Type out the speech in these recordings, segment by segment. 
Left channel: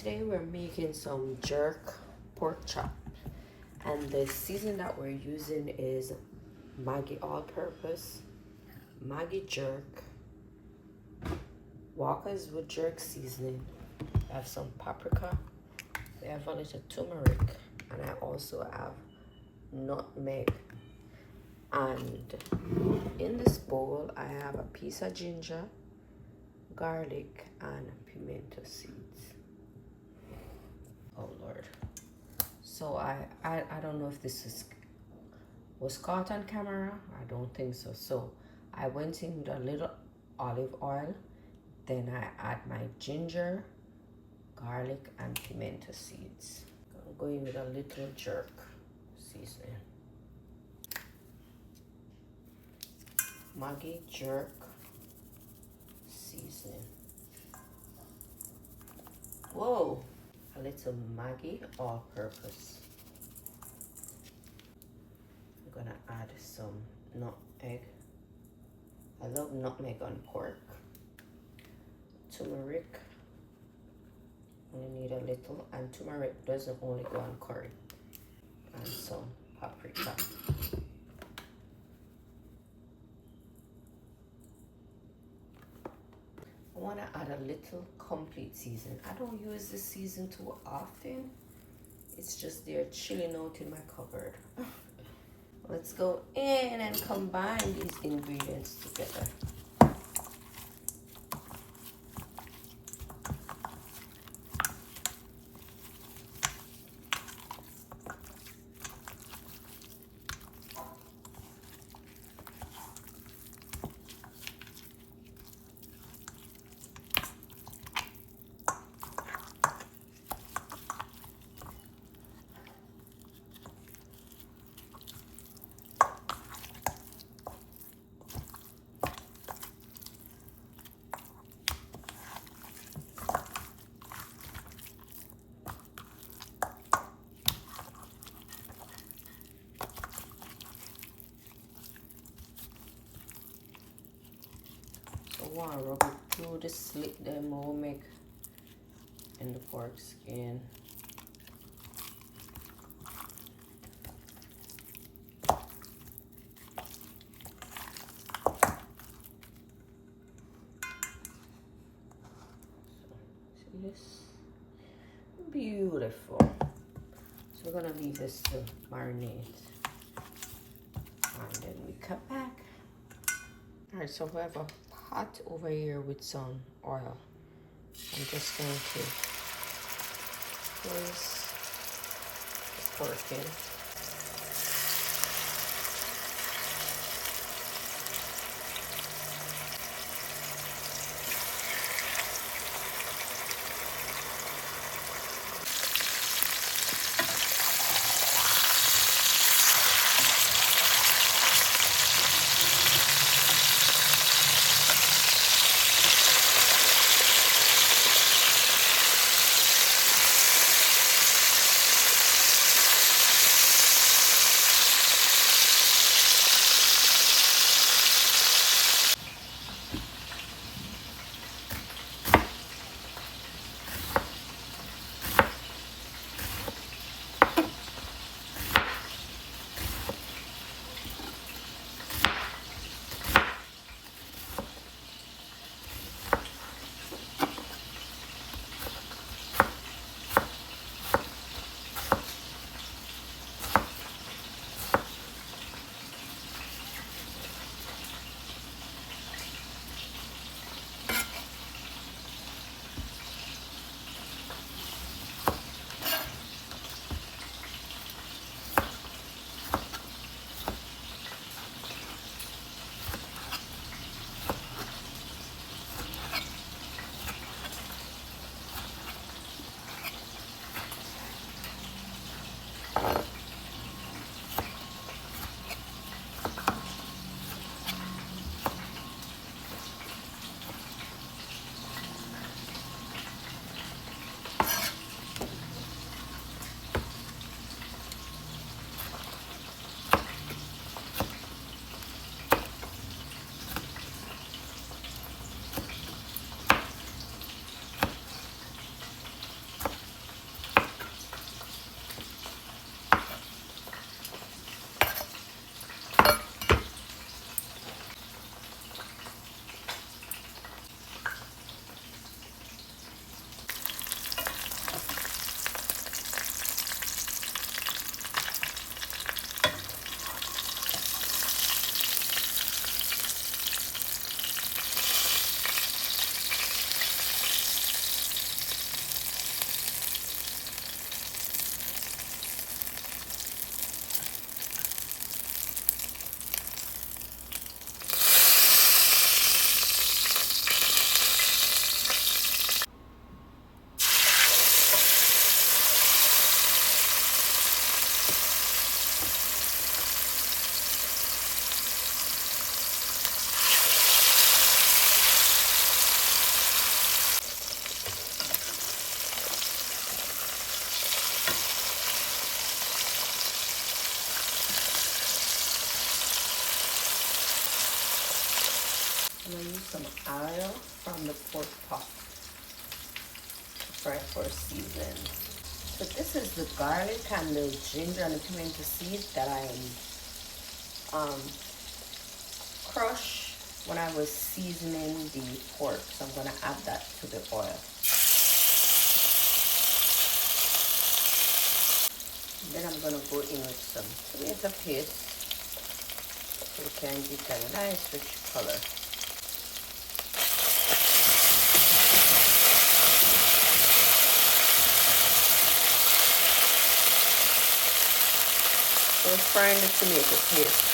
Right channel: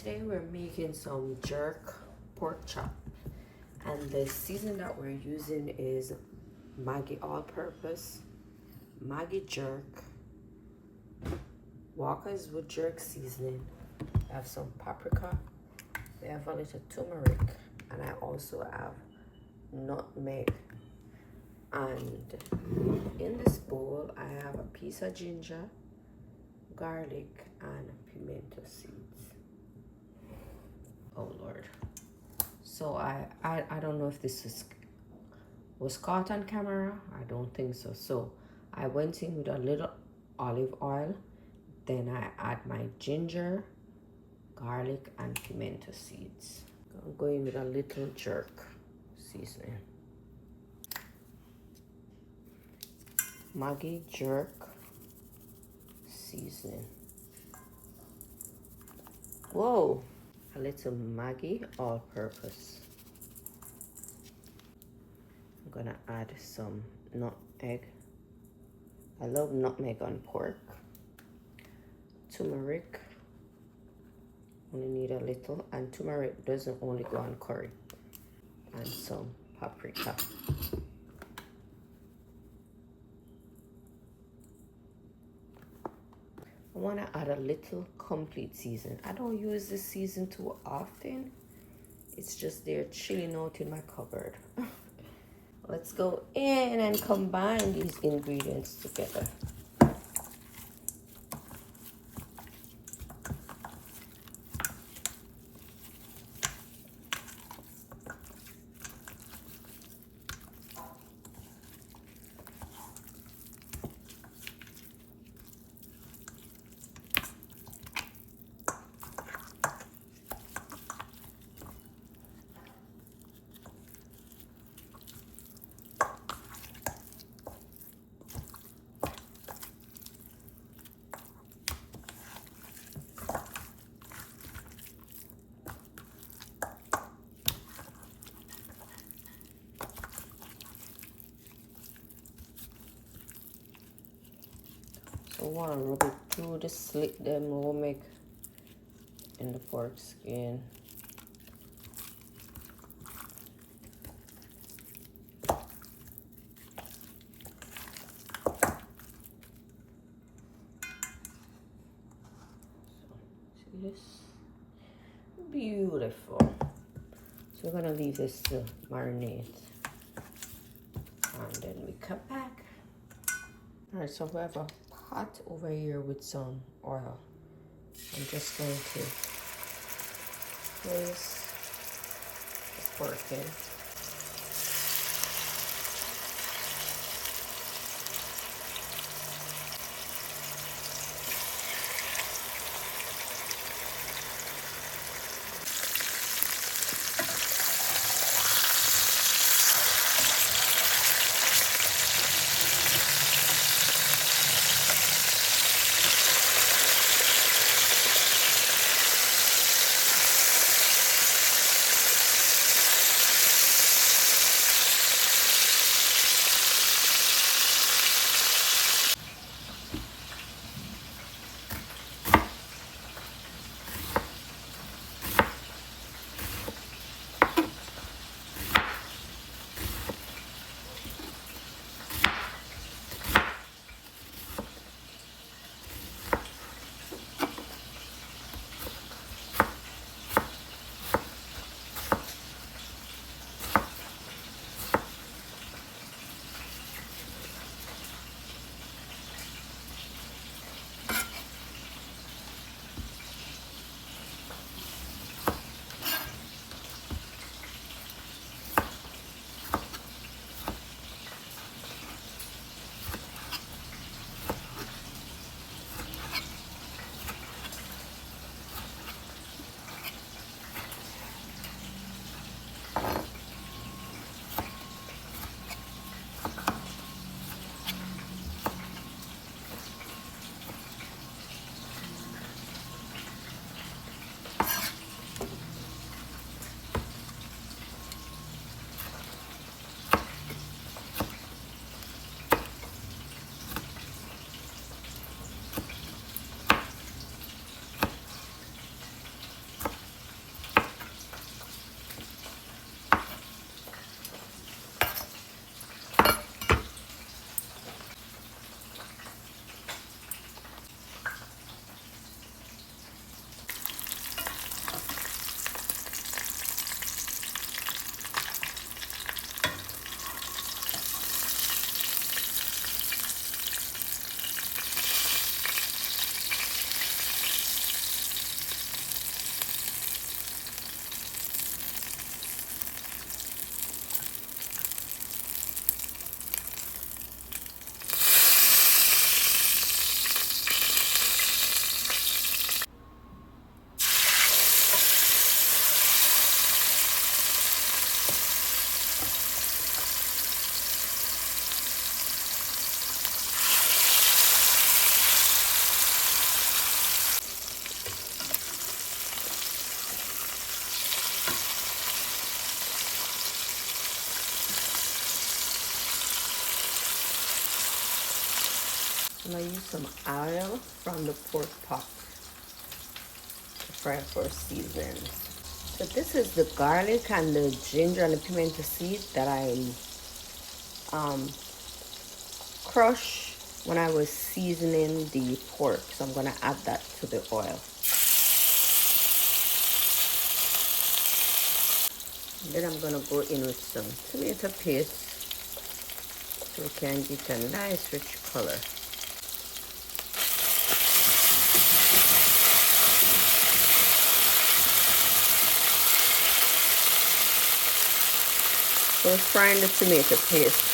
Today we're making some jerk pork chop, and the season that we're using is Maggi all-purpose, Maggi jerk, Walker's with jerk seasoning. I have some paprika, we have a little turmeric, and I also have nutmeg. And in this bowl I have a piece of ginger, garlic, and pimento seeds. Oh Lord. So I don't know if this was caught on camera. I don't think so. So I went in with a little olive oil, then I add my ginger, garlic, and pimento seeds. I'm going with a little jerk seasoning. Maggi jerk seasoning. Whoa, a little Maggi all-purpose. I'm gonna add some nutmeg. I love nutmeg on pork. Turmeric, only need a little, and turmeric doesn't only go on curry. And some paprika. I want to add a little complete season. I don't use this season too often. It's just there chilling out in my cupboard. Let's go in and combine these ingredients together. I want to rub it through the slit that we'll make in the pork skin. See this? Beautiful. So we're gonna leave this to marinate, and then we cut back. All right, so we have a pot over here with some oil. I'm just going to place the pork in. I'm gonna use some oil from the pork pot to fry for seasoning. So this is the garlic and the ginger and the pimento seed that I crushed when I was seasoning the pork. So I'm gonna add that to the oil. And then I'm gonna go in with some tomato paste so we can get a nice rich color. So frying the tomato paste.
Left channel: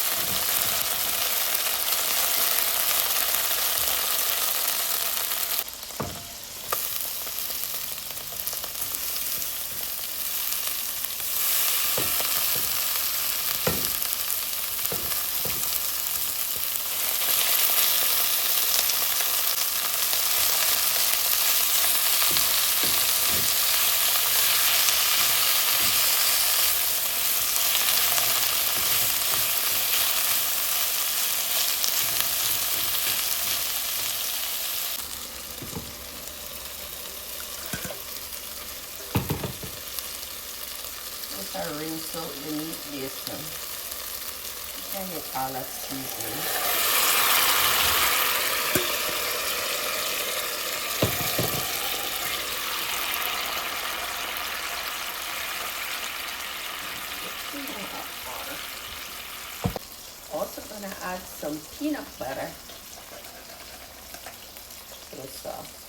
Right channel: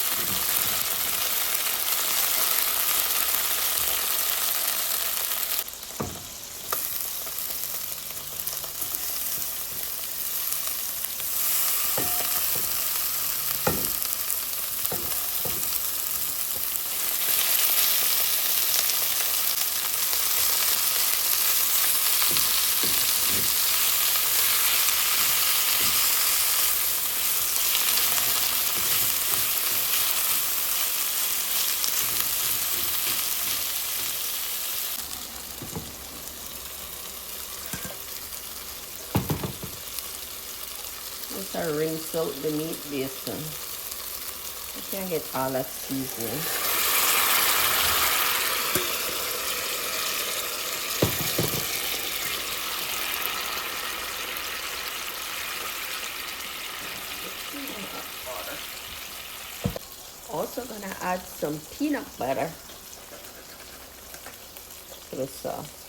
Once I rinse out the meat basin, you can get all that seasoning. Also gonna add some peanut butter to the sauce.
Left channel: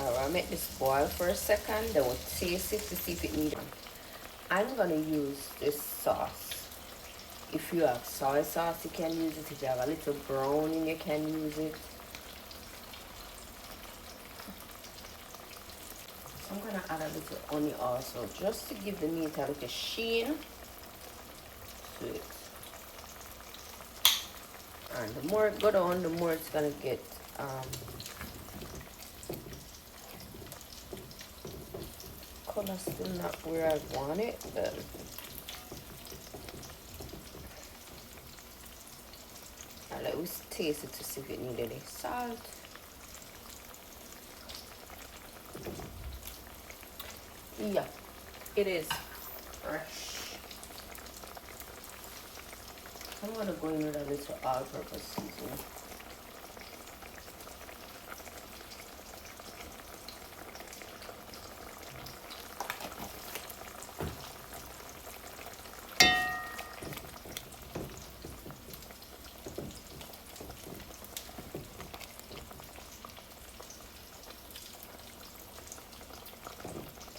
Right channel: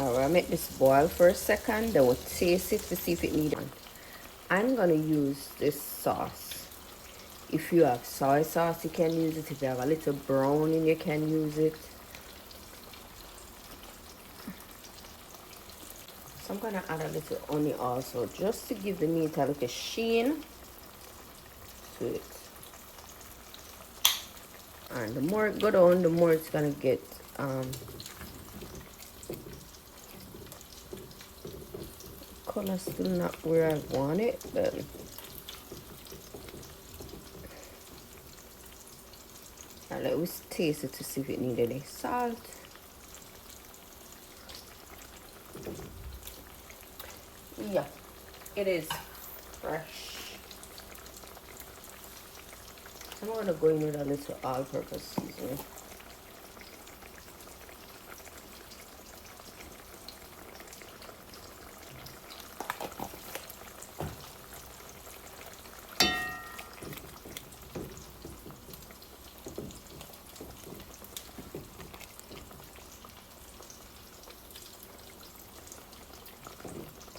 Alright, I'll make this boil for a second. Then we'll taste it to see if it needs. I'm gonna use this sauce. If you have soy sauce, you can use it. If you have a little browning, you can use it. So I'm gonna add a little honey also, just to give the meat a little sheen to it. And the more it goes on, the more it's gonna get color still not where I want it, then let's taste it to see if it needs any salt. Yeah, it is fresh. I'm gonna go in with a little all-purpose seasoning.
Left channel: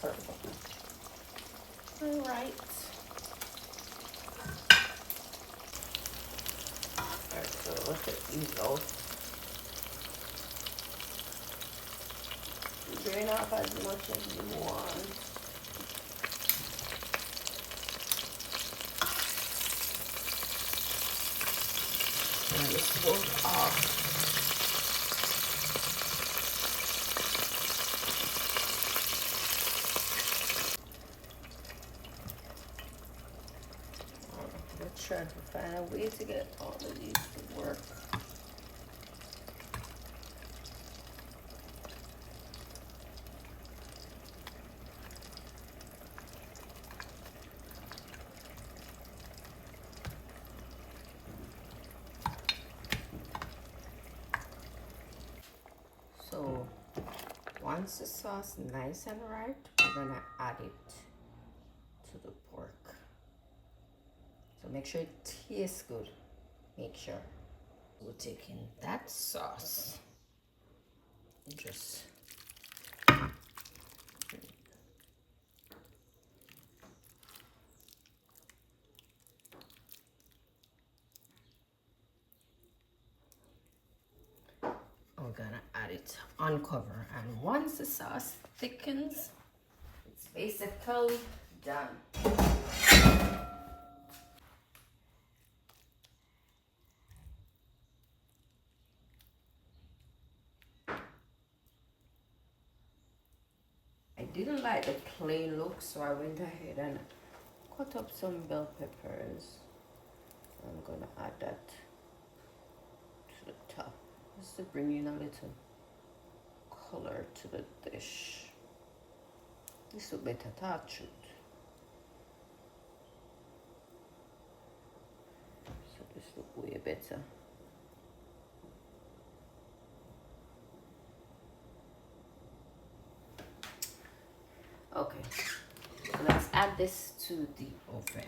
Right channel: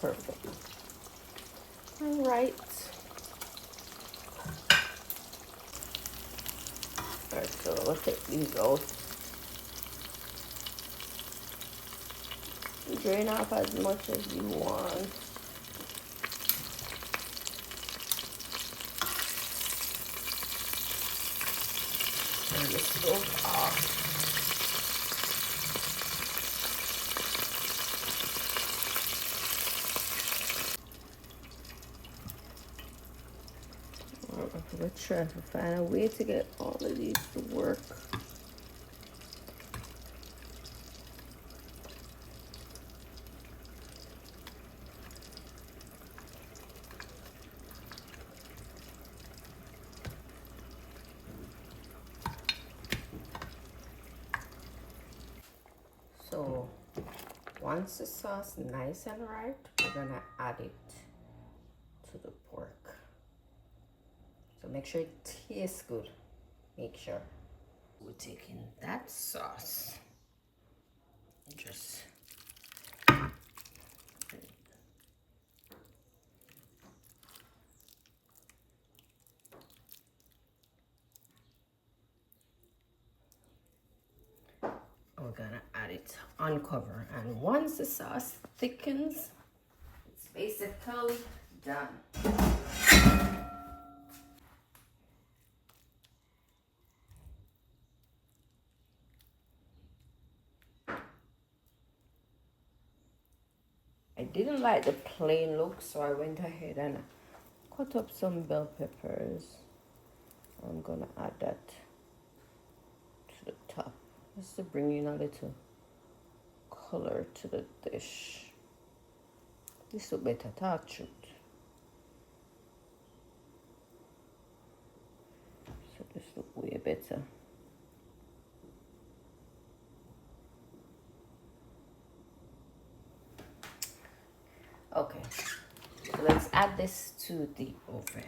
Perfect. All right. Alright, so let's take these out. Drain off as much as you want. And the stove off. I'm gonna try to find a way to get all of these to work. So once the sauce is nice and right, we're gonna add it to the pork. So make sure it tastes good. Make sure. We're taking that sauce. Just we're gonna add it on cover, and once the sauce thickens, it's basically done. I didn't like the plain look, so I went ahead and cut up some bell peppers. I'm gonna add that to the top just to bring in a little color to the dish. This will better touch it. So this look way better. Okay, so let's add this to the oven.